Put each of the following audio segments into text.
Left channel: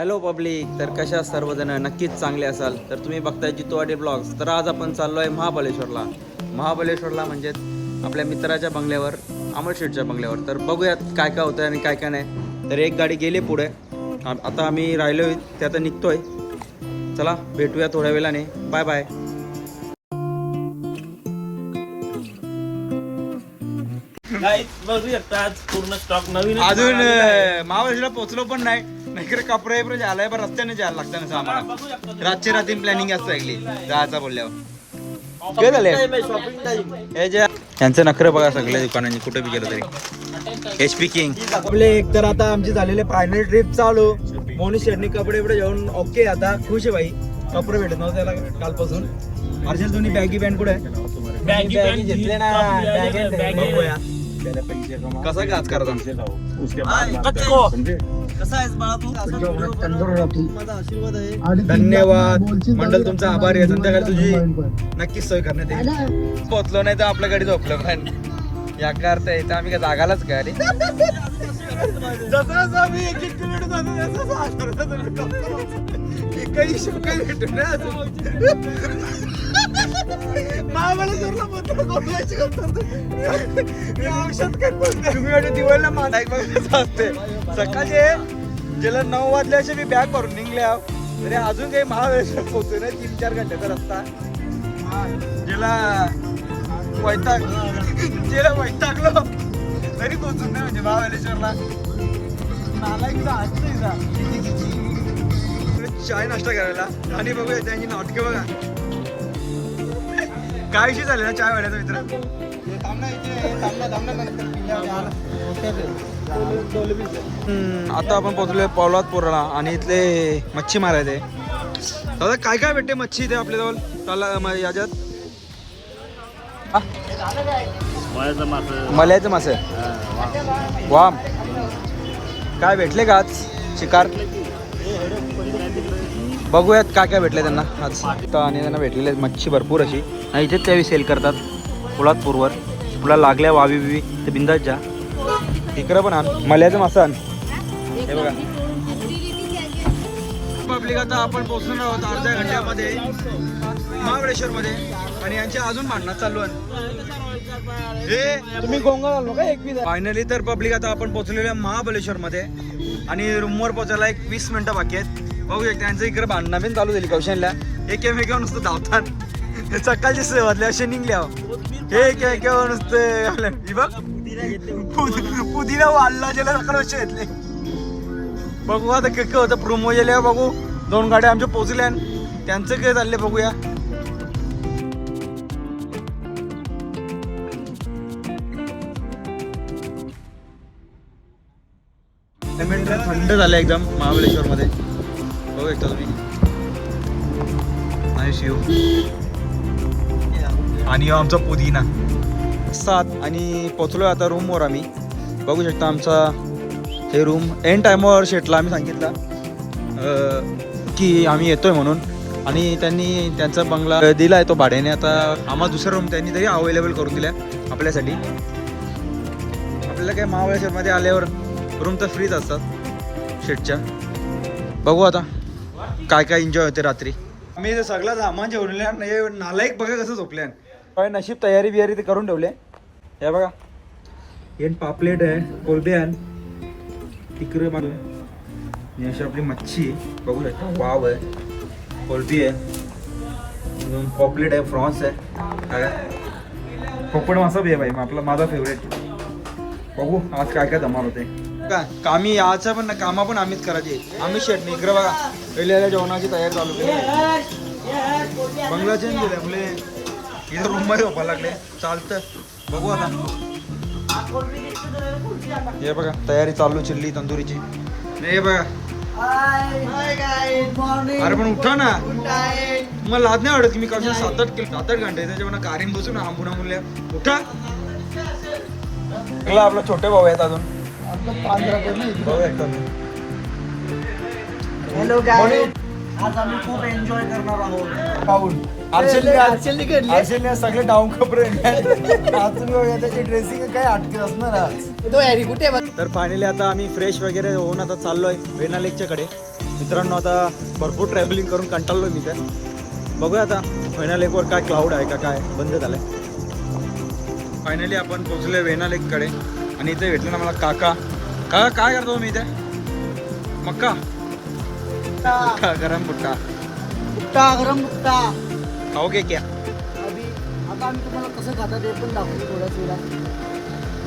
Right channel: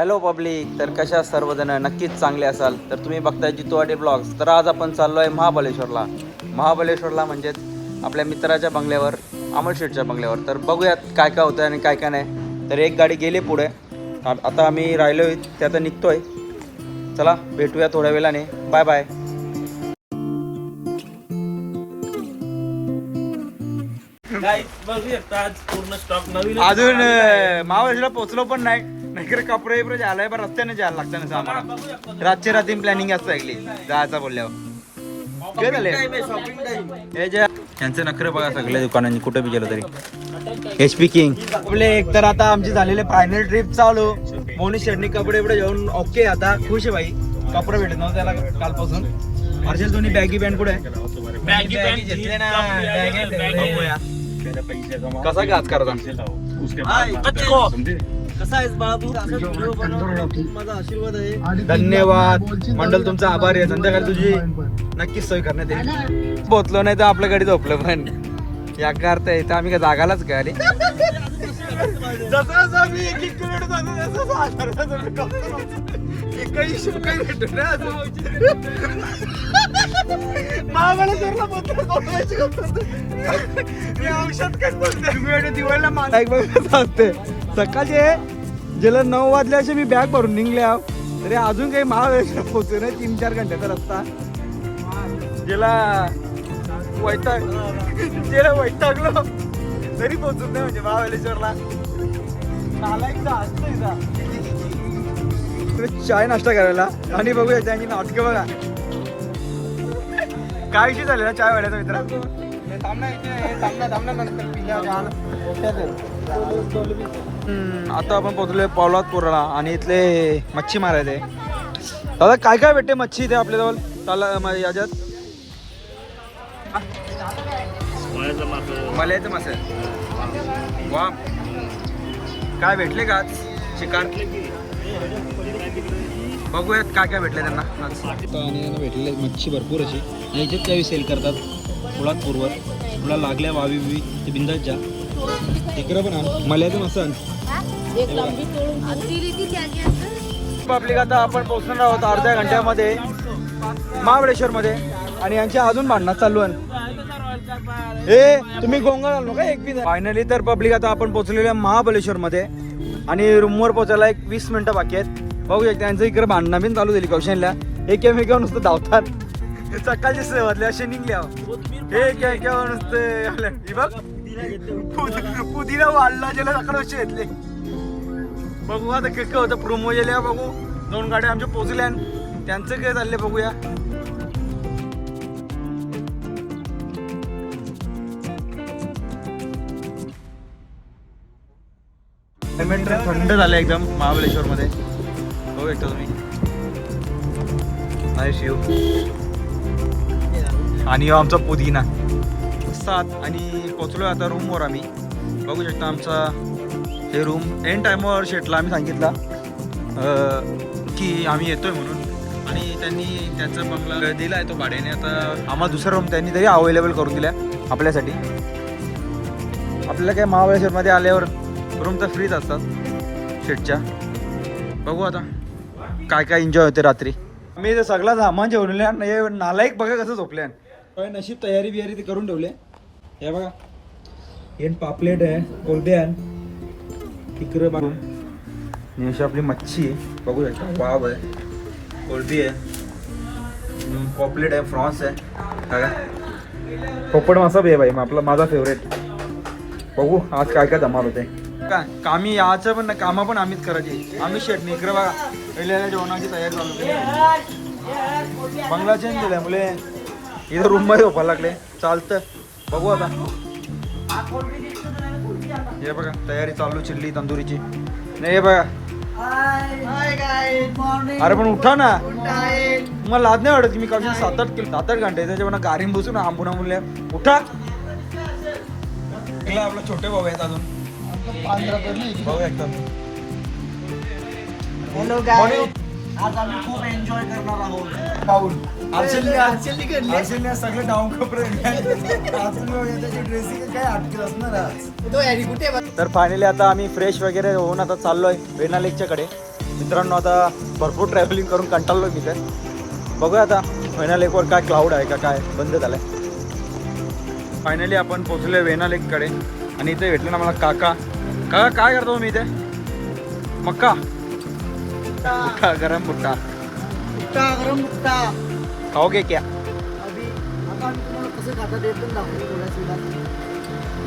Hello public तर कशा सर्वजण? नक्कीच चांगले असाल. तर तुम्ही बघताय जितवाडी ब्लॉग्स तर आज आपण चाललो आहे महाबलेश्वरला महाबलेश्वरला म्हणजेच आपल्या मित्राच्या बंगल्यावर अमर शेठच्या बंगल्यावर. तर बघूयात काय काय होतं आणि काय काय नाही. तर एक गाडी गेली पुढे. आता आम्ही राहिलो ते आता निघतोय. चला भेटूया थोड्या वेळाने. बाय बाय बघू शकता आज पूर्ण स्टॉक नवीन अजून महाबळेश्वरला पोहोचलो पण नाही. नाहीतर कपडे बिपडे आलाय पण रस्त्याने जायला लागतं ना आम्हाला बघू शकता रातची रात्री प्लॅनिंग असतं ऐकली जायचं बोलल्यावर. काय झालंय? शॉपिंग टाइम हे जे यांचे नखरे बघा सगळे दुकानांनी कुठे बी गेलो तरी. एच पी किंग आपले एक तर आता आमची झालेले फायनल ट्रिप चालू. मोनी शेडनी कपडे बिपडे घेऊन ओके आता खुश आहे भाई. कपडे भेटत नव्हते त्याला कालपासून. हर्षल तुम्ही बॅगी पॅन्ट कुठे? आहे बॅगी बॅगी घेतले ना, बॅगी बघूया. कसा काय आज करता कच्चो कसा आहेस बाळा तू? माझा आशीर्वाद आहे. धन्यवाद. मंडल तुमचा आभारी आहे. संध्याकाळी तुझी नक्कीच सोय करण्यात येईल. पोहोचलो नाही तर आपल्या गाडी झोपलो पण. या अर्थ तर आम्ही काय जागालाच काय आली जसं जसं आम्ही एक एक किलोमीटर जातो तसं तसं आधार आम्ही करतो. एकही हिशोब काही भेटू ना अजून महाबळेश्वरला पोहोचलो कोंबड्याची गंमत. या औषध काय बोलते? तुम्ही वाटतं दिवाळीला मानाय बघत असते सकाळचे गेल्या नऊ वाजले असे मी बॅग भरून निघले. तरी अजून काही महाबळेश्वर पोहोचतो ना तीन चार घंट्याचा रस्ता गेला वैताग. गेला वैतागलो. तरी पोहोचून नाही म्हणजे महाबळेश्वरला. चाय नाश्ता करायला. आणि बघूया त्यांची नाटकं बघा. काय विषय झालेला चाय वाड्याचा मित्र? आता आपण पोहोचलोय पोलादपूरला आणि इथले मच्छी मारायचे दादा काय काय भेटते मच्छी इथे आपल्याजवळ? त्याला याच्यात? हा? मल्याचं मासे. वाम. काय भेटले का आज? शिकार? बघूयात काय काय भेटले त्यांना आज. आणि त्यांना भेटलेले आहेत मच्छी भरपूर अशी. आणि इथेच त्यावेळी सेल करतात. पोलादपूरवर तुला लागल्या वावी बिवी. ते बिंदाच्या इकडं पण आण. मल्याचं मासा आण. पब्लिक आता आपण पोहोचणार आहोत अर्ध्या घंट्यामध्ये महाबळेश्वर मध्ये आणि यांच्या अजून भांडणात चालू आहे. हे फायनली तर पब्लिक आता आपण पोहोचलेल्या आहे मध्ये आणि रूमवर पोहोचायला एक वीस मिनिटं बाकी आहेत. बघू शकता त्यांचं इकडे भांडणं बिन चालू झाली. कौशनला एकमेकावर नुसतं धावतात. हे सकाळची सेवातले असे निघले अहो. हे एकेमेकावर नुसतं आलं. ही बघ. पुदिना वाढला गेला सकाळ घेतले. बघू आता काय होतं. प्रोमो गेल्या बघू. दोन गाड्या आमच्या पोचल्या त्यांचं काय चाललंय बघूया. पेमेंट थंड झालं एकदम महाबळेश्वर मध्ये बघू शकता तुम्ही. नाईस व्ह्यू आणि आमचा पुदिना. सात आणि पोचलो आता रूमवर आम्ही. बघू शकता आमचा हे रूम एन टायमावर शेटला आम्ही सांगितला की आम्ही येतोय म्हणून. आणि त्यांनी त्यांचा बंगला दिला आहे तो भाड्याने. आता आम्हाला दुसरा रूम त्यांनी तरी अवेलेबल करून दिला आपल्यासाठी. आपल्याला काय महाबळेश्वरमध्ये आल्यावर रूम तर फ्रीच असतात. शेटच्या बघू आता काय काय एन्जॉय होते रात्री. आम्ही इथे सगळा सामान जेवलेलं आणि हे नालायक बघा कसं झोपल्यान काय नशीब तयारी बियारी ते करून ठेवले हे बघा. हे पापलेट आहे कोलदे आहे इकडे बांधून. अशी आपली मच्छी आहे. बघू शकता वाव आहे. कोलदी आहे. अजून पॉपलेट आहे फ्रॉन्स आहे. काय पोपट मासा बी आहे भाई आपला माझा फेवरेट बघू आज काय काय धमाल होते. काय कामी याचं पण कामा पण आम्हीच करायचे. आम्ही शेटणी इकडे बघा पहिल्या जेवणाची तयारी चालू केली बंगला चेंज केलाय मुले. इथं रूममध्ये झोपायला लागले. चालतं. बघू आता. हे बघा तयारी चालू चिल्ली तंदुरीची. नाही हे बघा. अरे पण उठा ना. मला लाज नाही वाटत की मी काल सात आठ किलो सात आठ घंटे त्याच्या गाडीन बसून आंबून आंबून उठा. आपला छोटे भाऊ आहेत अजून. हॅलो आज आम्ही खूप एन्जॉय करणार आहोत आज सगळे डाऊन कपडे त्याची ड्रेसिंग काय अटकेल असणार आज तर फायनली आता आम्ही फ्रेश वगैरे होऊन आता चाललोय वेना लेकच्या कडे. मित्रांनो आता भरपूर ट्रॅव्हलिंग करून कंटाळलो मी तर. बघूया आता वेना लेकवर काय क्लाउड आहे का काय बंद झालंय. फायनली आपण पोहोचले वेना लेककडे आणि इथे भेटलं ना मला काका. काका काय करतो मी इथे? मक्का? मुट्टा गरम मुक्ता गरम मुक्ता खाओगे क्या? अभि आता आम्ही तुम्हाला कसं खातात ते पण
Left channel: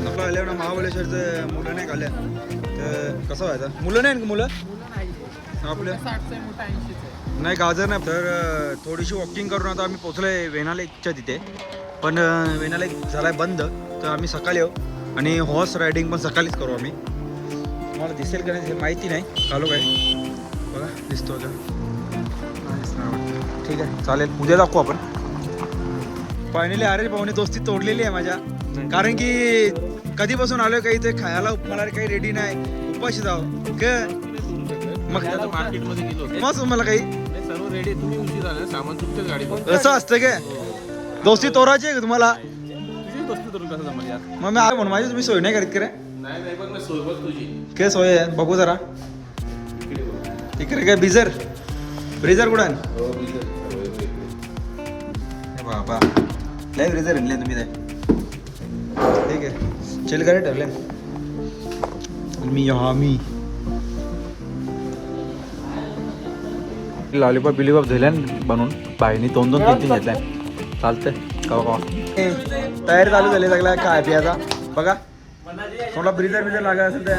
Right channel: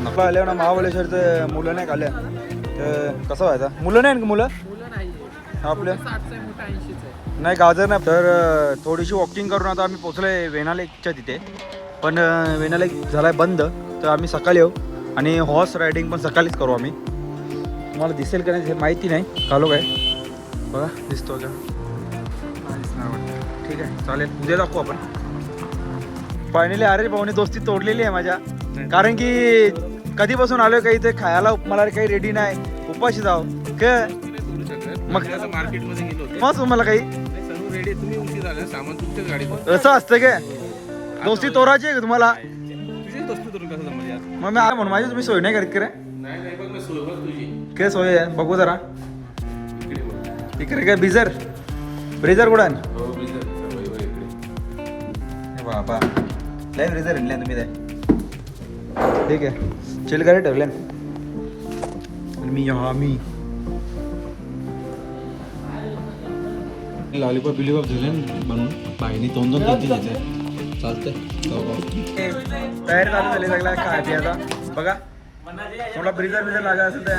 दाखवू आल्या ना महाबळेश्वरचं मुलं नाही खाल्ल्या तर कसं व्हायचं? मुलं नाही ना मुलं? मुलं नाही आपल्या? नाही गाजर नाही. तर थोडीशी वॉकिंग करून आता आम्ही पोचलोय वेना लेकच्या तिथे. पण अं, वेना लेक झालाय बंद. तर आम्ही सकाळी येऊ. आणि हॉर्स रायडिंग पण सकाळीच करू आम्ही. तुम्हाला दिसेल का नाही माहिती नाही. कालो काय? बघा दिसतो का? नाही दिसणार वाटतं ठीक आहे चालेल. उद्या दाखवू आपण. फायनली अरे भाऊने दोस्ती तोडलेली आहे माझ्या. कारण की कधीपासून आलोय काही ते खायला मला काही रेडी नाही. उपाशी जाव मग मार्केटमध्ये गेलो होते मग तुम्हाला काही. सर्व रेडी तुम्ही उशीर आला सामान तुमच्याच गाडीत असं असतं काय दोस्ती तोराची आहे का तुम्हाला? कसं जमल यार? मग मी आहे म्हणून. माझी तुम्ही सोय नाही करीत का रे. नाही नाही बघ ना सोबत तुझी. काय सोय आहे? बघू जरा. इकडे बघ. इकडे काय बिझर ब्रिझर कुठं आहे? हो. हे बाबा. नाही ब्रिझर आणले तुम्ही ते. ठीक आहे. चिल करे ठेवले. आणि मी हा मी. लॉलीपॉप बिलीपॉप झाल्या बनवून? बाईने दोन दोन तीन तीन घेतल्या. चालतंय. का का तयारी चालू झाली सगळ्या काय प्यायचा बघा. थोडा ब्रिझर बिझर लागला असेल तर.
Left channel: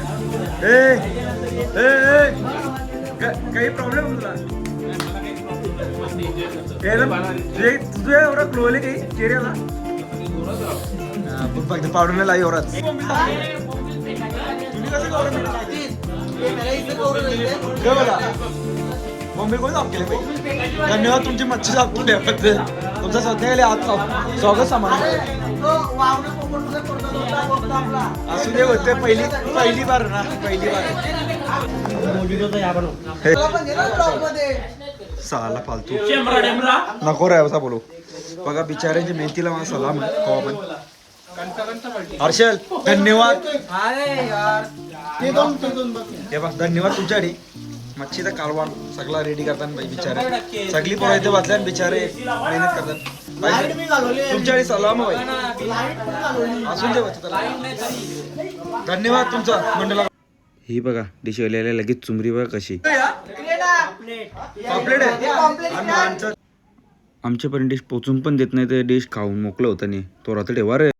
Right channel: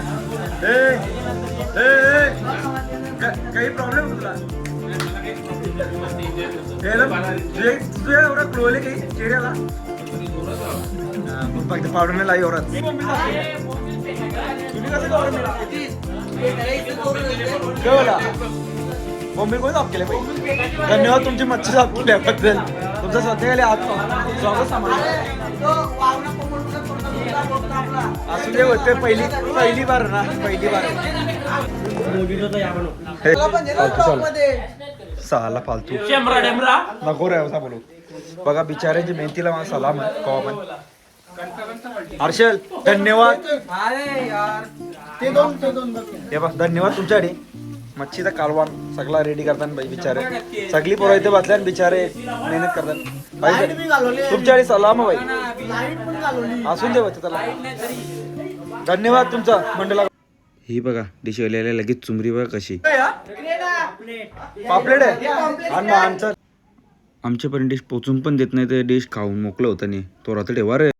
काही प्रॉब्लेम तुला हे एवढं क्लोले काही चेहऱ्याला? फक्त पावडर नाही लाई एवढाच तुम्ही कसं गौरव काय बोला मम्मी कोणी साफ केले पाहिजे धन्यवाद तुमची मच्छी साफ केल्याबद्दल. तुमचं सध्या गेले आज स्वागत सामान. असू दे होते पहिली पहिली बार ना पहिली बार. सहाला फालतू. नको रे असा बोलू. बघा बिचाऱ्यांची मेहनतीला मला सलाम आहे कवा पण. हर्षल धन्यवाद. ते दोन ते दोन बघ. हे बघ धन्यवाद तुमच्यासाठी मच्छीचा कालवान सगळा रेडी करतात बाई बिचारे. सगळी पोरं इथे बसल्या आणि बिचारे मेहनत करतात. तुमच्यासाठी सलाम आहे असून दे त्याला. धन्यवाद तुमचा मंडला. ही बघा डिश आलेल्या लगेच चुमरी बघा कशी. पापलेट आहे. आमच्यापर्यंत डिश पोचून पण देत नाही ते डिश खाऊन मोकलं होतं नाही तो रात्र ठेवा रे.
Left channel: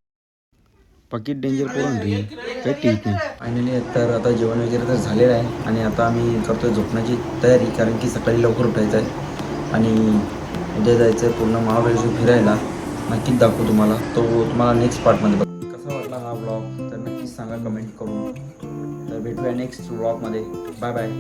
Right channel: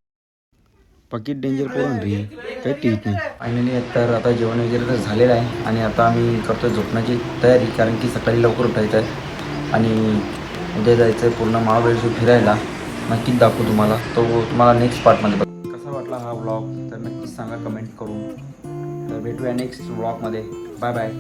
पाकिट डेंजर पोरण रे काही टीच नाही. फायनली तर आता जेवण वगैरे तर झालेलं आहे आणि आता आम्ही करतोय झोपण्याची तयारी कारण की सकाळी लवकर उठायचं आहे. आणि उद्या जायचं आहे पूर्ण महाबळेश्वर फिरायला. नक्कीच दाखवू तुम्हाला. तो तुम्हाला नेक्स्ट पार्टमध्ये बघ. कसा वाटला हा ब्लॉग तर नक्कीच सांगा कमेंट करून. तर भेटूया नेक्स्ट ब्लॉगमध्ये बाय बाय